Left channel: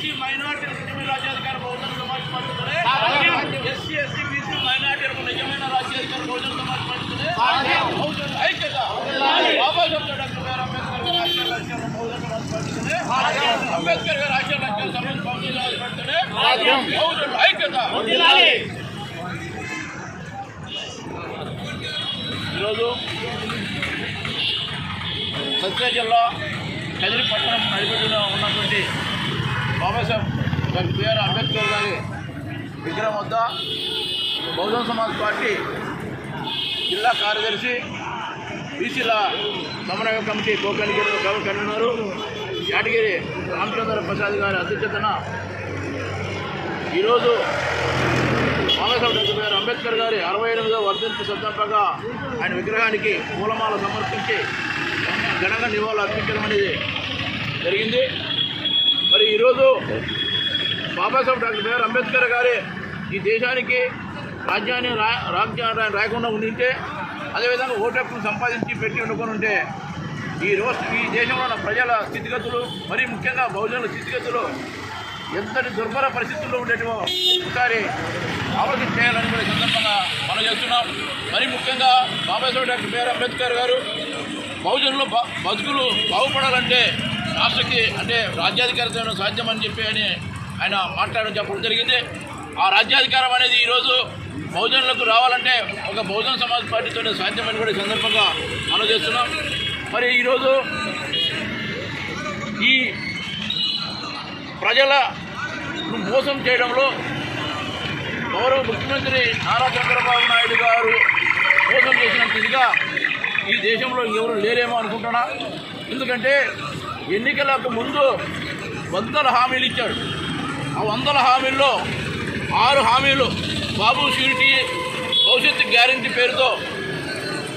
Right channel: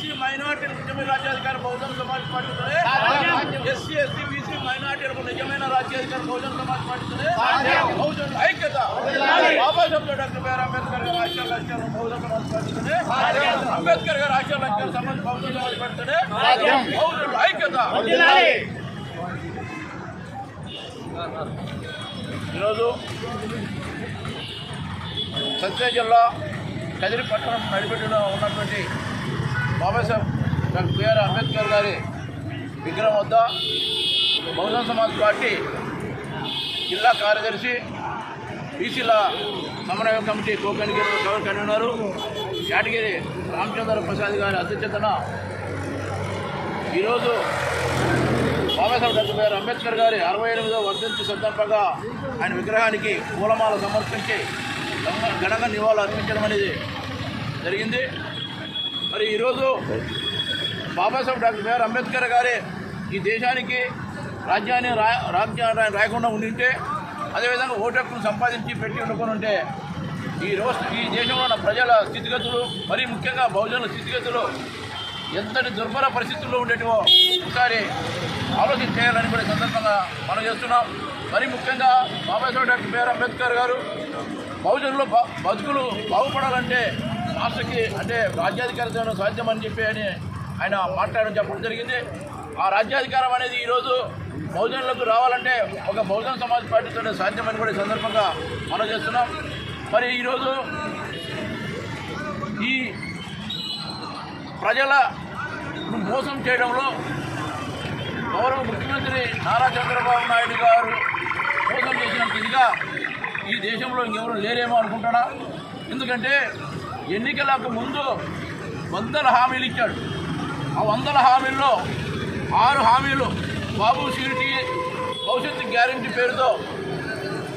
BC మైనార్టీలకు నిజమైన రాజ్యాధికార Bahujan Samaj పార్టీతోనే, SC ST BC మైనార్టీలకు నిజమైన రాజ్యాధికార బహుజన సమాజ్ పార్టీతోనే, బహుజన ఐక్యత బాబాసాహెబ్ డాక్టర్ బిఆర్ అంబేద్కర్ గారి ఆశయ లక్ష్యాలు బహుజన సమాజ్ పార్టీతోనే, అంబేద్కర్ గారి ఆశయ లక్ష్యాలు బహుజన సమాజ్ పార్టీతోనే, బహుజన ఐక్యత. ఈరోజు సత్యసాయి జిల్లా కదిరి పట్టణం నడిపెట్టులో ఉన్నటువంటి బాబాసాహెబ్ డాక్టర్ బిఆర్ అంబేద్కర్ గారి విగ్రహం వద్ద బహుజన సమాజ్ పార్టీ జిల్లా కార్యదర్శి, బీసీల సమన్వయ కమిటీ కన్వీనరు యాటగిరి రామచంద్ర ప్రసాద్ గారి అధ్యక్షతన ఈరోజు బాబాసాహెబ్ డాక్టర్ బిఆర్ అంబేద్కర్ గారి 68వ వర్ధంతి సందర్భంగా ఆయన విగ్రహానికి పూలమాల సమర్పించి ఘనంగా నివాళులు అర్పించడం అనేది జరిగింది. మరి ఈరోజు బాబాసాహెబ్ డాక్టర్ బిఆర్ అంబేద్కర్ గారి ఈ దేశానికి రాజ్యాన్ని రాయకుండా ఉండింటే, అదేవిధంగా ఓటు హక్కును సంపాదించి పెట్టి వండుకొని ఉంటే ఈ దేశంలో ఉన్న ప్రజల స్థితిగతులు, మరీ ముఖ్యంగా బహుజనుల స్థితిగతులు ఎంతటి దుర్భర పరిస్థితుల్లో ఉండేటివో ఒకసారి ఆలోచన చేయాలని కూడా సందర్భంగా మనం చేస్తున్నాం. మరీ ముఖ్యంగా బాబాసాహెబ్ డాక్టర్ బిఆర్ అంబేద్కర్ గారు బహుజనుల బతుకులు బాగుపడాలంటే రాష్ట్రకి అంటే రాజ్యాధికారం సాధ్యమని చెప్పి ఆయన మాట్లాడడం చెప్పడం జరిగింది. ఆ రాజ్యాధికారం అనేది ఈరోజు బహుజనులకు రావాలంటే ఒక బహుజన సమాజ్ పార్టీతోనే సాధ్యమని కూడా ఈ సందర్భంగా మనం చేస్తున్నాం. మరి ఈరోజు ఈ ప్రజలను మోసం చేయడంలో గౌరవ ముఖ్యమంత్రి నారా చంద్రబాబు నాయుడు గారు మోసం చేసినంత ఇదిగా ఈ దేశంలో ఎవరు లేరేమో అనుకుంటున్నా. ఎందుకంటే ఎన్నికలకు ముందు 100 హామీలు ఇచ్చాడు. ఆ 100 హామీల్లో 6 హామీలు బాబు షూరిటీ భవిష్యత్తు గ్యారెంటీ పేరుతో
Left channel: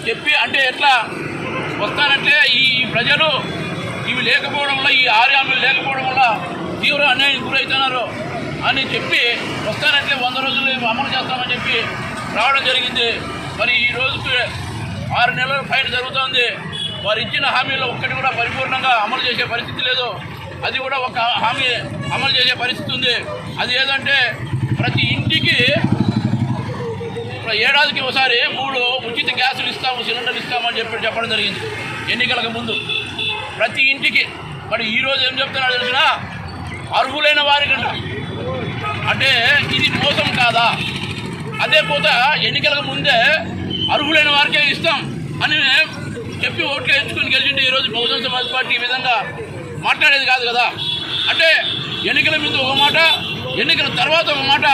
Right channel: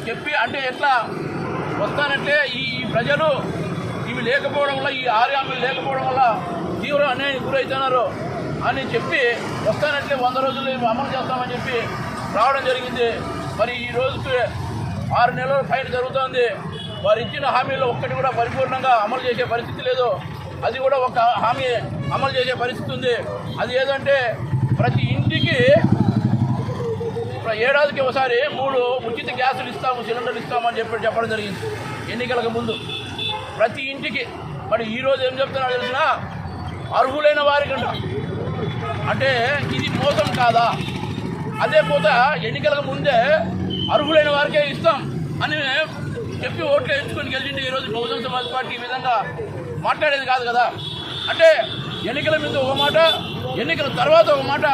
చెప్పి, అంటే ఎట్లా వస్తానంటే ఈ ప్రజలు ఇవి లేకపోవడం వల్ల, ఈ 6 హామీలు లేకపోవడం వల్ల తీవ్ర అన్యాయానికి గురవుతున్నారు అని చెప్పి వస్తానంటే 100 రోజులు అమలు చేస్తామని చెప్పి రావడం జరిగింది. మరి ఈ రోజుకి 6 నెలల పైన జరుగుతుంది. వారు ఇచ్చిన హామీలో ఒక్కటి కూడా పరిపూర్ణంగా అమలు చేసే పరిస్థితి లేదు. అది కూడా ఒక హామీ అమలు చేసే పరిస్థితి ఉంది. అది ఏదంటే ప్రతి ఇంటికి ఏడాదికి ఒకసారి 3 ఉచిత గ్యాసులు ఇస్తాము, సిలిండర్లు ఇస్తామని చెప్పడం జరిగింది ఎన్నికలకు ముందు ప్రతి ఇంటికి. మరి ఈరోజు ఏం చెప్తున్నారో తెలిసిన అర్హులైన వారికంట. అంటే ఇది మోసం కాదా? అదే పోతే ఎన్నికలకు ముందే అర్హులైన వారికే ఇస్తాం అని చెప్పి ఓట్లు వేయించుకొని గెలిచింటే ఈరోజు బహుజన సమాజ్ పార్టీ ఈ విధంగా మాట్లాడేది కాదు కదా. అంటే ఎన్నికల మీద ఒక మాట, ఎన్నికల తర్వాత ఒక మాట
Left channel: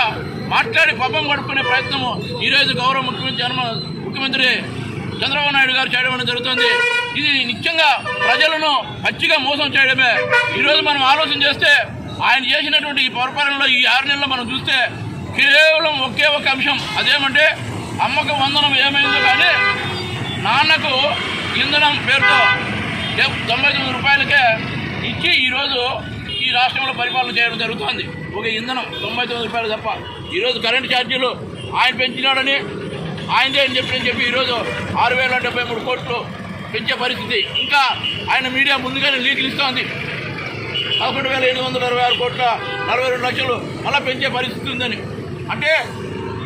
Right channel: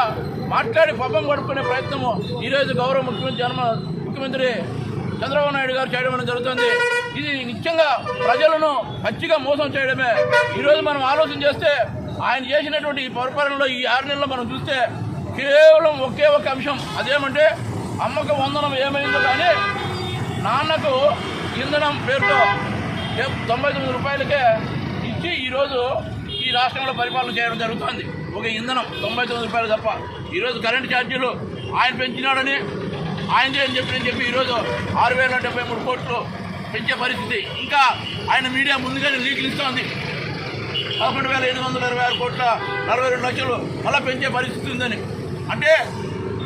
మాట్లాడి పబ్బం గడుపుకునే ప్రయత్నము ఈరోజు గౌరవ ముఖ్యమంత్రి చంద్రబాబు నాయుడు గారు చేయడం జరుగుతుంది. ఇది నిత్యంగా ప్రజలను పచ్చిగా మోసం చేయడమే. ఈరోజు మనం ఆలోచన చేస్తే ఆయన చేసినటువంటి ఈ పరిపాలనలో ఈ 6 నెలల్లో మనం చూస్తే కేవలం ఒకే ఒక అంశం, అదేమంటే అమ్మకు వందనం ఏమైందో కానీ నాన్నకు ఇంధనం పేరుతో 99 రూపాయలకే ఇచ్చి ఈరోజు ఈ రాష్ట్రంలో పరిపాలన చేయడం జరుగుతుంది. ఒక ఇంధనం 99 రూపాయలు తప్ప. ఈరోజు కరెంటు ఛార్జీలు ఆయన పెంచినాడని ఆయనదే అని చెప్పి ఈరోజు 6,073 కోట్లు పెంచే పరిస్థితి. ఇంకా ఆయన మీడియా ముందుగానే లీకులు ఇస్తోంది. 11,726 కోట్ల 42 లక్షలు మళ్ళీ పెంచే పరిస్థితి ఉందని. అంటే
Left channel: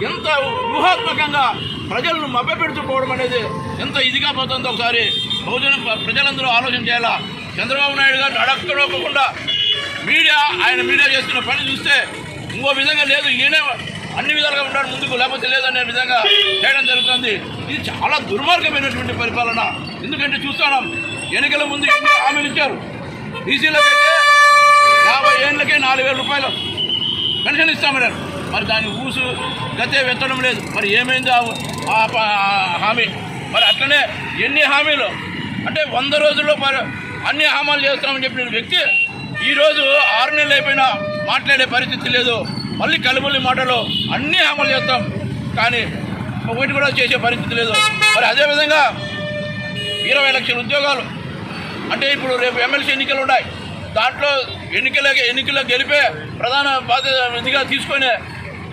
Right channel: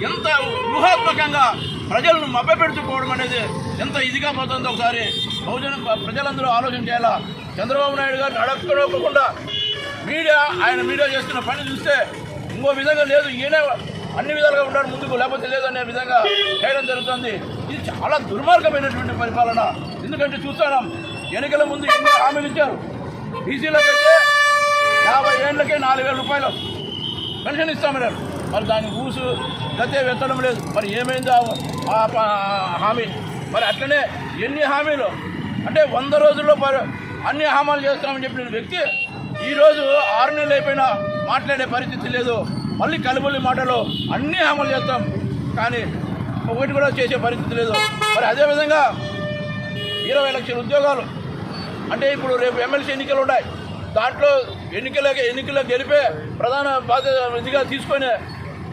ఎంత వ్యూహాత్మకంగా ప్రజలను మభ్యపెడుతుపోవడం అనేది ఎంత ఇదిగా పోతుందో ఒకసారి బహుజన ప్రజలందరూ ఆలోచన చేయాలా. చంద్రబాబు నాయుడు గారు అడక్కడోకుండా ఆయన మీడియా చేస్తున్న పని చూస్తే ఇంకో విధంగా లేదు, ఈయనే అన్ని విధాలుగా ఉన్నాడు ముందుకు, లేకపోతే లేదనే విధంగా చేయడం జరుగుతుంది. ఇది చాలా దుర్మార్గమైనటువంటి పరిపాలన. ఎందుకంటే చూస్తున్నాం ఎన్నికల ముందు ఎన్నో హామీలు ఇచ్చారు. బీసీలకైతే 50 ఏళ్ళకే 4,000 రూపాయలు పెన్షన్ ఇస్తామన్నారు. మరి దాని ఊసు గతే వెత్తడం లేదు. మరి ఏమైంది ఆ హామీ? మరి అట్లనే ఎన్ని హామీలు అంటే 100 రోజుల్లో అన్ని హామీలు చేస్తామని చెప్పిన వ్యక్తి ఈరోజు 6 నెలలు అయిపోయినా మాట్లాడే పరిస్థితి లేదు. మళ్ళీ కలుబొల్లి మాటలు అన్నీ అమలు చేస్తాం కానీ ఒకటి కూడా చేసే పరిస్థితి లేదు. మరి అదేవిధంగా 20 లక్షల ఉద్యోగాలు అంటే ఇప్పుడు రేపు ఎమ్మెల్సీ ఎన్నికలు ఉన్నాయి. దాంట్లో ఎన్నికల్లో గెలిపే ప్రధాన బాధ్యత ఇదిగా తీసుకొని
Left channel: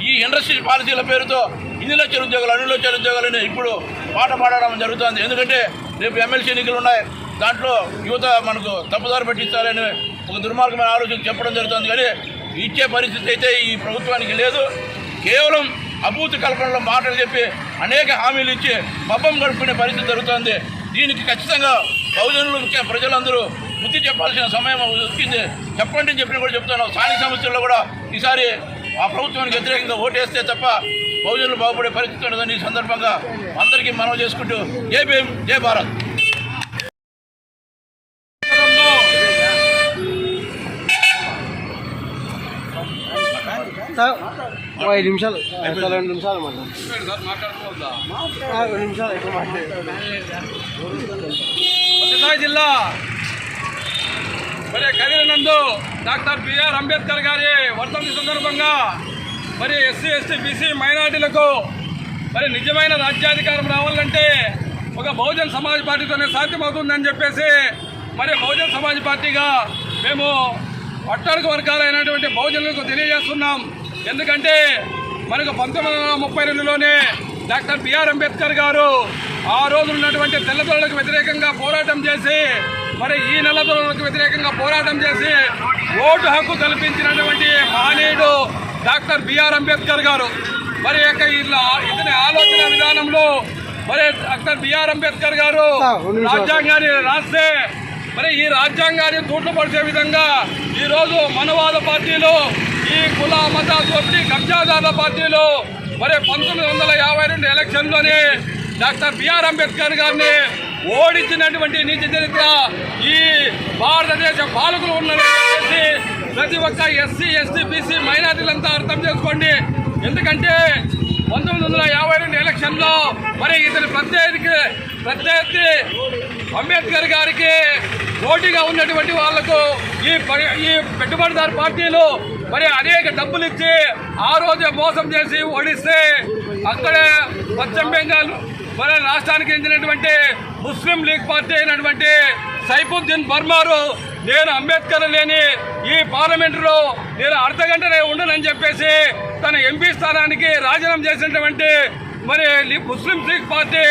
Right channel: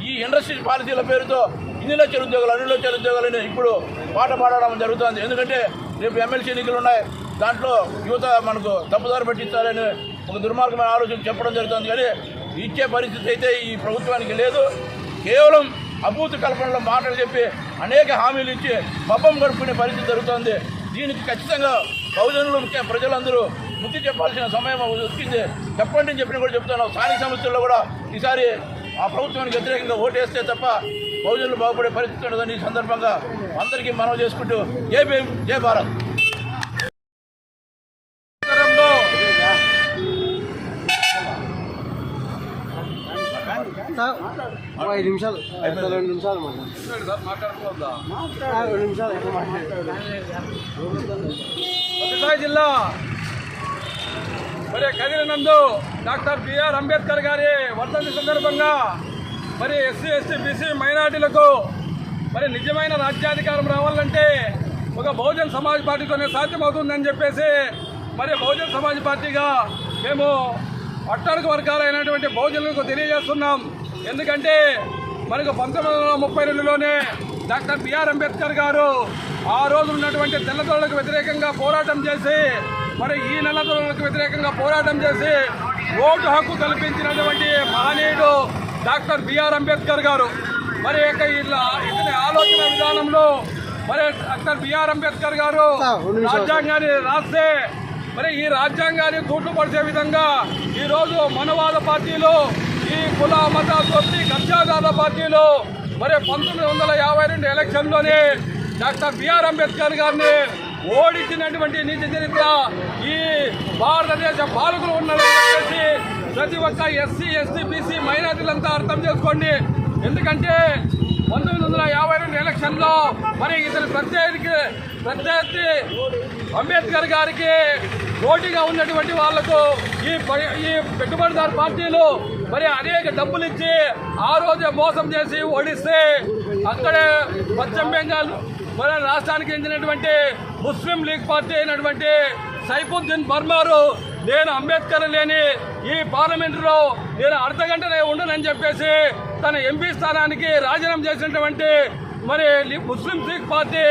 ఈ ఇండస్ట్రీ పాలసీల పేరుతో 2 లక్షల ఉద్యోగాలు 2 లక్షల ఉద్యోగాలని ఇప్పుడు పాట పాడడం జరుగుతుంది. ఎందుకంటే రేపు ఎమ్మెల్సీ ఎన్నికలు ఉన్నాయి. దాంట్లో యువత మనకు తప్పుదారి పట్టిస్తారని ఒక దుర్మార్గమైన ఆలోచన చెప్పడం జరుగుతుంది. కానీ ఇచ్చే పరిస్థితి అయితే ఈ ప్రభుత్వానికి లేదు. కేవలం అభూత కల్పనలో మాటలు చెప్పి అనేక హామీలు ఇచ్చి పబ్బం గడుపుకునే పరిస్థితి జరుగుతోంది. దీనికి ఖచ్చితంగా బహుజనులు ముఖ్య ప్రజలందరూ బుద్ధి చెప్పాల్సిన సమయం వచ్చింది. చెప్పండి అని చెప్పిన కూడా చెప్తున్నాం. స్థానిక సమస్యల్లో కూడా ఈసారి ఆ ప్రభుత్వానికి వ్యతిరేకంగా ఓటేస్తే తప్ప బహుజనులు బాగుపడే పరిస్థితి ఉండదని ఈ సందర్భంగా అందరికీ మనవి చేసుకుంటూ జై భీమ్, జై భారత్. సత్యసాయి జిల్లా మరి కదిరి నందు డాక్టర్ బిఆర్ అంబేద్కర్ గారి వర్ధంతి సందర్భంగా మరి ఎస్సీ ఎస్టీ బీసీ మైనార్టీలకు మరి నిజమైన రాజ్యాధికారం రావాలంటే ఒక బహుజన్ సమాజ్ పార్టీతోనే సాధ్యమవుతుందని చెప్పేసి మరి బహుజన్ సమాజ్ పార్టీగా మేము అట్టడుగు వర్గాలైనటువంటి బహుజనులకు తెలియజేస్తున్నాం. ఎందుకంటే మనకు 1932లోనే డాక్టర్ బిఆర్ అంబేద్కర్ గారు ఆ రోజు ఉన్నటువంటి తెల్లదొరలకు వ్యతిరేకంగా పోరాటం చేసి మరి ఈ నల్లదొరలకు వ్యతిరేకంగా పోరాటం చేసి ఓటు హక్కు కల్పించినటువంటి మహనీయుడు డాక్టర్ బిఆర్ అంబేద్కర్ గారు. మరి ఇతని ఆలోచన విధానంలో మరి డాక్టర్ బిఆర్ అంబేద్కర్ గారు రాజ్యాంగాన్ని రాస్తే మరి ఈ రాజ్యాంగాన్ని తూట్లు పడిచే విధంగా ఈరోజు మనవాద పార్టీలు, ఈ కుల మత దోపిడీ కబ్జాదారుల పార్టీలు మరి 1952 ఎలక్షన్లోనే డాక్టర్ బిఆర్ అంబేద్కర్ గారిని ఓడించినటువంటి నీతి చరిత్ర ఈ భారతదేశ పాలకులు ఉన్నారని చెప్పేసి ప్రతి ఒక్క ఎస్సీ ఎస్టీ బీసీ మైనారిటీలంతా అర్థం చేసుకోండి. ఎందుకంటే 1952 ఎలక్షన్లో మరి ఇతని ప్రత్యర్థి అంబేద్కర్ గారికి పోటీగా ఉన్నటువంటి వాళ్లకు ఈ పెట్టుబడిదారు పార్టీలు మరి అనేక డబ్బులు ఇచ్చి ఆ రోజే మోసం చేసి ఓడిస్తే అక్కడే పశ్చిమ బెంగాల్ మన రాష్ట్రానికి చెందినటువంటి ముస్లిం లీగ్ పార్టీ అయినటువంటి సైఫుద్దీన్ బర్మారు నేను అంబేద్కర్ లేని ఈ పార్లమెంటులో నేను అర్ధగంటనే ఉండనని చెప్పేసి తన ఎంపీ స్థానానికి రాజీనామా చేసినటువంటి మరి ముస్లిం లీగ్ పార్టీ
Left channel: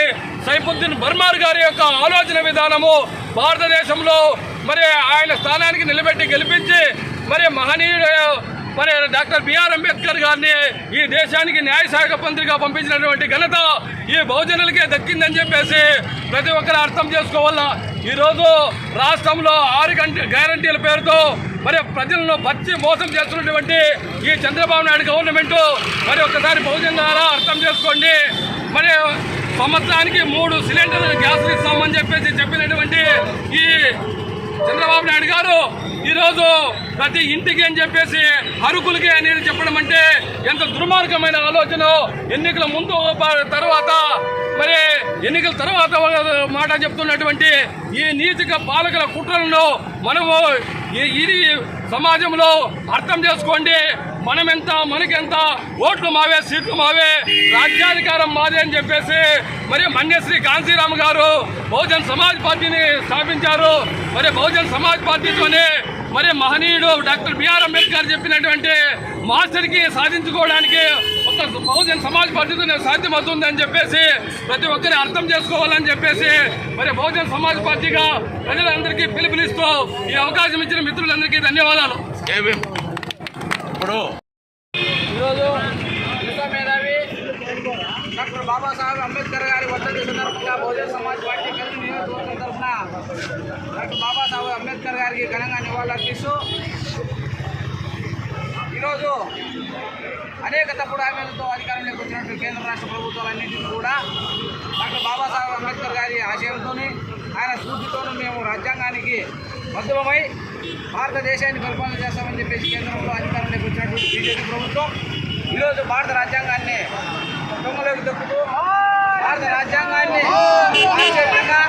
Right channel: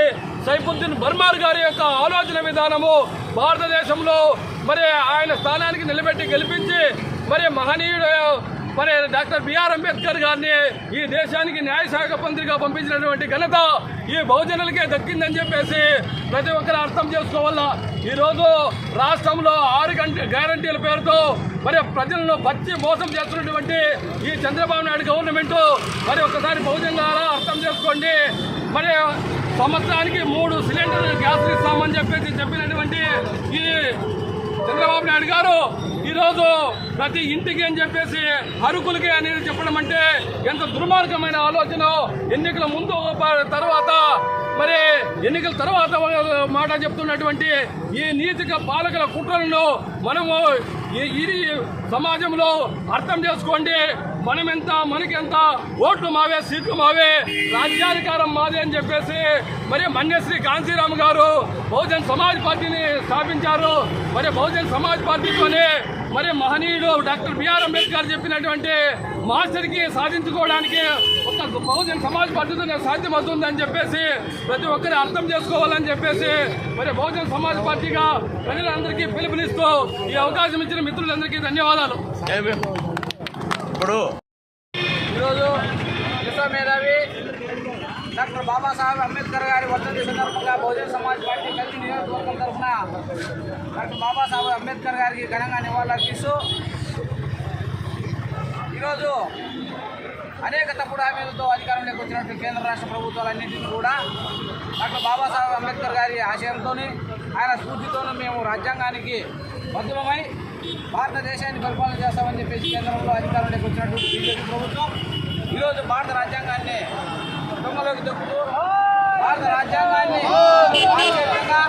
సైఫుద్దీన్ బర్మార్ గారి యొక్క ఆలోచన విధానము భారతదేశంలో మరి ఆయన స్థానానికి నిలబెట్టి గెలిపించి మరి మహనీయుడు మరి డాక్టర్ బిఆర్ అంబేద్కర్ గారిని ఈ దేశానికి న్యాయశాఖ మంత్రిగా పంపించినటువంటి ఘనత ఈ బహుజనులకే దక్కిందని చెప్పేసి ప్రతి ఒక్కరు అర్థం చేసుకోవాలా. ఈరోజు రాష్ట్రంలో 6 గ్యారంటీల పేరుతో మరి ప్రజలను పచ్చి మోసం చేస్తున్నటువంటి ఈ చంద్రబాబు నాయుడు గవర్నమెంట్ మరి ఒక్కసారి బహుజనులారా అర్థం చేసుకోండి. మరి సంవత్సరానికి 3 సిలిండర్లు గ్యాసులు ఇస్తామని చెప్పినటువంటి ఈ చంద్రబాబు నాయుడు గారు ఈరోజు ప్రతి ఇంటికి అని చెప్పేసి అరుకులకి అనేది చెప్పడం అంటే ఎంత దుర్మార్గమైన ఆలోచన. ఎన్నికల ముందు తర్వాత మరి ఎన్నికల తర్వాత మాట చెప్తున్నటువంటి ఈ నీతిక పాలకుల కుట్రలను మనము ఈ సమాజంలో అర్థం చేసుకోండి. మనమెంత మనకెంత, ఓట్లు మావే, సీట్లు మావే, రాజ్యాధికారం మాదే అని చెప్పేసి మరి మన్యశ్రీ కాంశీరామ్ గారు బహుజన్ సమాజ్ పార్టీని స్థాపించారు. మరి బహుజన్ సమాజ్ పార్టీతోనే మరి మహనీయుడు డాక్టర్ బిఆర్ అంబేద్కర్ చెప్పినటువంటి మాస్టర్కి సాధించుకోవడానికి ఒక బహుజన్ సమాజ్ పార్టీతోనే సాధ్యమవుతుందని చెప్పేసి ప్రతి ఒక్కరి అర్థం చేసుకోవాలని చెప్పేసి మరి బహుజన్ సమాజ్ పార్టీగా ప్రజలందరికీ పిలుపునిస్తూ ఈ అవకాశం ఇచ్చిన మిత్రులందరికీ ధన్యవాదాలు. ఇప్పుడు ఈరోజు విశ్వ మేధావి డాక్టర్ బాబాసాహెబ్ అంబేద్కర్ గారి వర్ధంతి సందర్భంగా బహుజన్ సమాజ్ పార్టీ కదిరి నియోజకవర్గం తరఫున డాక్టర్ బాబాసాహెబ్ అంబేద్కర్ గారికి ఘనంగా నివాళులర్పిస్తూ ఈరోజు అనేక తప్పుడు హామీలతో అధికారంలోకి వచ్చినటువంటి కేంద్ర రాష్ట్ర ప్రభుత్వాలన్నింటినీ కూడా డాక్టర్ బాబాసాహెబ్ అంబేద్కర్ గారి ఆశయంతో ఆయన స్ఫూర్తితోనూ మేము రాజ్యాంగానికి బద్ధమై భారతదేశాన్ని పరిపాలన చేస్తామని చెప్పేసి కేంద్రంలో అధికారంలోకి వచ్చినటువంటి బీజేపీ ప్రభుత్వం ఈరోజు భారత రాజ్యాంగాన్ని దొంగలోకి దొక్కుతూ భారత రాజ్యాంగాన్ని మార్చే విధంగా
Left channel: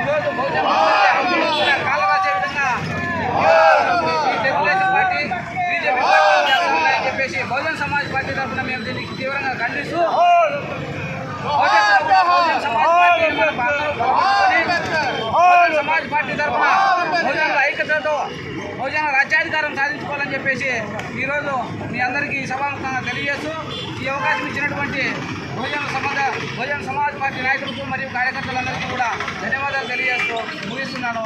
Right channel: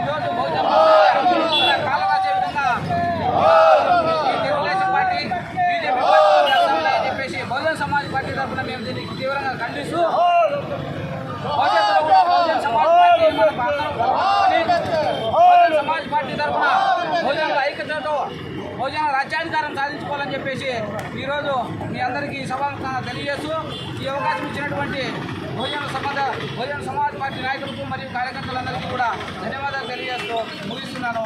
ఈరోజు కాలం రాసే విధంగా ఈ తెలుగుదేశం పార్టీ బీజేపీ పార్టీ చేస్తామని చెప్పేసి బహుజన్ సమాజ్ పార్టీ తరఫున మేము దీనికి తీవ్రంగా ఖండిస్తూ బహుజన్ సమాజ్ పార్టీ సమాజ్ పార్టీ తరఫున బహుజనుల ఐక్యతతో బహుజన రాజ్యాధికారం సాధించుకోవాలని చెప్పేసి ఈరోజు మీ అందరికీ సభాముఖంగా తెలియజేస్తూ ఈ అవకాశం ఇచ్చినటువంటి బహుజన సమాజ్ పార్టీ నాయకులకు మరియు కార్యకర్తలందరికీ కూడా ధన్యవాదాలు తెలియజేస్తూ ముగిస్తున్నాను.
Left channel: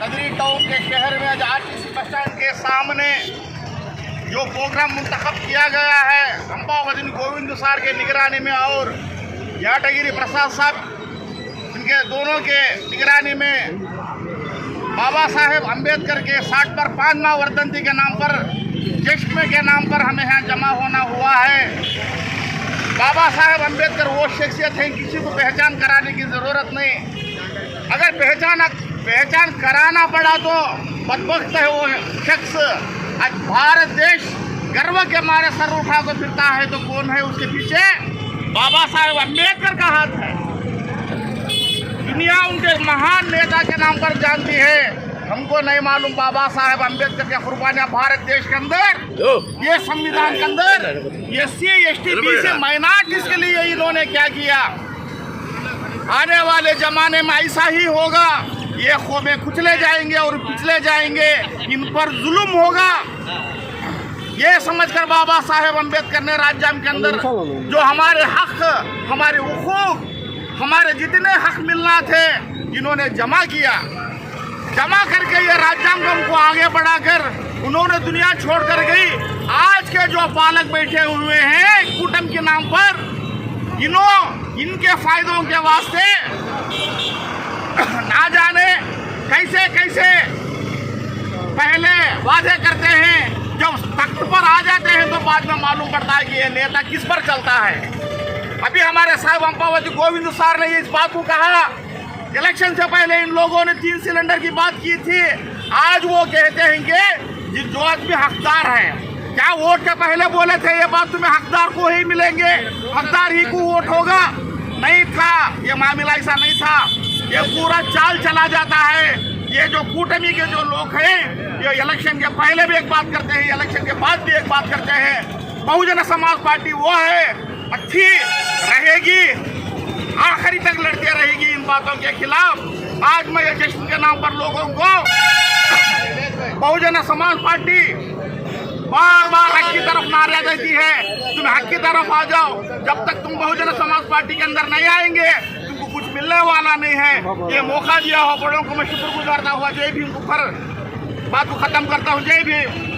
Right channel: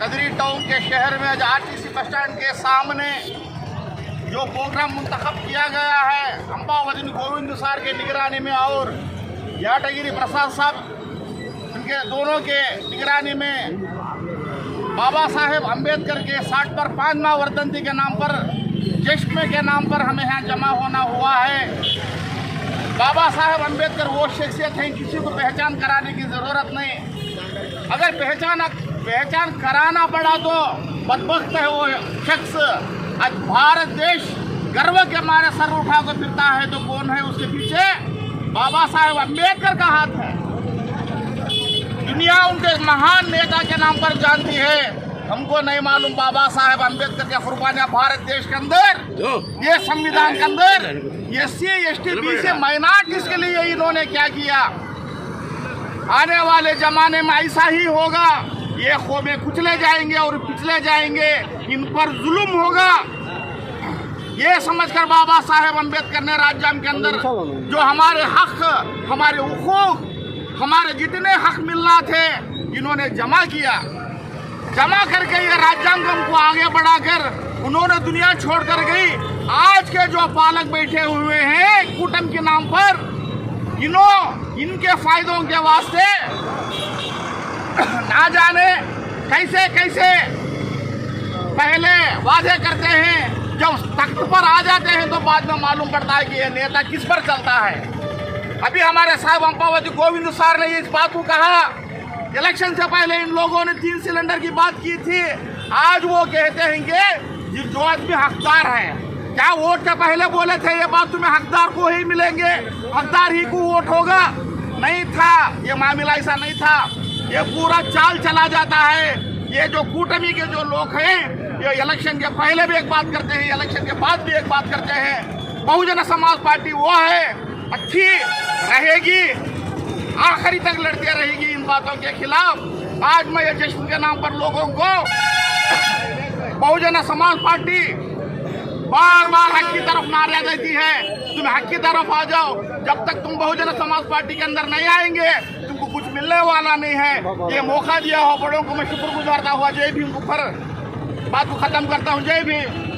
कदरी टाउन के शहर में आज आरटीसी बस स्टैंड के सामने जो प्रोग्राम मुंतखब किया गया है अंबावती गोविंद सार के निगरानी में और याटगिरी प्रसाद साहब इनके दोनों के निगरानी में बाबा साहेब अम्बेडकर के 60 पर 5वां वर्धंती के नाम पर जश्न के नाम पर हमें यहाँ जमा होना हुआ है। बाबा साहेब अम्बेडकर वो शख्सियत हैं, किसी को पहचान कराने की ज़रूरत नहीं। अगर पहचान कराना पड़ा तो बदबख्त है वो शख्स। आज भारत देश गर्व के मारे सर उठा कर फिरता है तो कौन है उसके पीछे? बाबा साहेब अम्बेडकर का हाथ है। दुनिया उनके महान नेता के नाम पर जानती है, हमको नहीं मालूम बाबा साहेब अम्बेडकर के कुर्बानियां भारत देश के अंदर, ये संविधान के अंदर SC ST BC माइनॉरिटीज के लिए इन्होंने क्या किया। आने वाले जमाने में ऐसा ही होगा, ये कौमें कुचले जाएंगे और पिछले जाएंगे, इन पर जुल्म होगा। ये समझकर बाबा साहेब अम्बेडकर ने राज्यांग के अंदर जो हमारे हक, हमारे हुकूक, हमारे जितने हक मिलना थे इन्होंने जमा किया। जमा करके ये राज्यांग को आगे बढ़ाकर उन्होंने दुनिया छोड़कर गई। आज के जो पालक बैठे हुए हैं कूटम के नाम पर, इनके फायदों के वास्ते ना जाने कैसे कैसे पहले वादे करते हैं, जब तख्त पर आ जाते हैं तो बाद में मालूम पड़ता है कि ये नेता किस पर चलता है। अभी हमारे साहब अंबावती गोविंद सार ने इस बात को कहा, इलेक्शन से पहले इन लोगों ने 3 सिलेंडर की बात की थी। आज वो कहते हैं कि जो आदमी हकदार है, क्या वोट के पहले बोले थे ये बात तुम्हें हकदार को ही मिलेंगे, हकदार ही को वोट होगा? नहीं था, ये मामला ऐसा नहीं था। ये पूरा चाल चला जाता है। ये जो कूटमी के जो लोग हैं ये इलेक्शन के पहले भी एक बात करते हैं, इलेक्शन के बाद भी एक बात करते हैं। बहुजन समाज पार्टी वो है, अच्छी रहेगी, आखिरी तक लड़ती रहेगी इन बातों के खिलाफ। आज मैं ये जश्न के नाम पर लोगों को बहुजन समाज पार्टी बार बार हक की तरफ नारा देती है, तुम हक की तरफ आ जाओ। जब तक तुम बहुजन समाज पार्टी के अंदर नहीं आएंगे तुमको कुछ मिलने वाला नहीं है। ये मौका दिया हो बड़ों को मैं शुक्रगुजार हुआ। जय भीम। ऊपर बात को खत्म करता हूँ। जय भीम।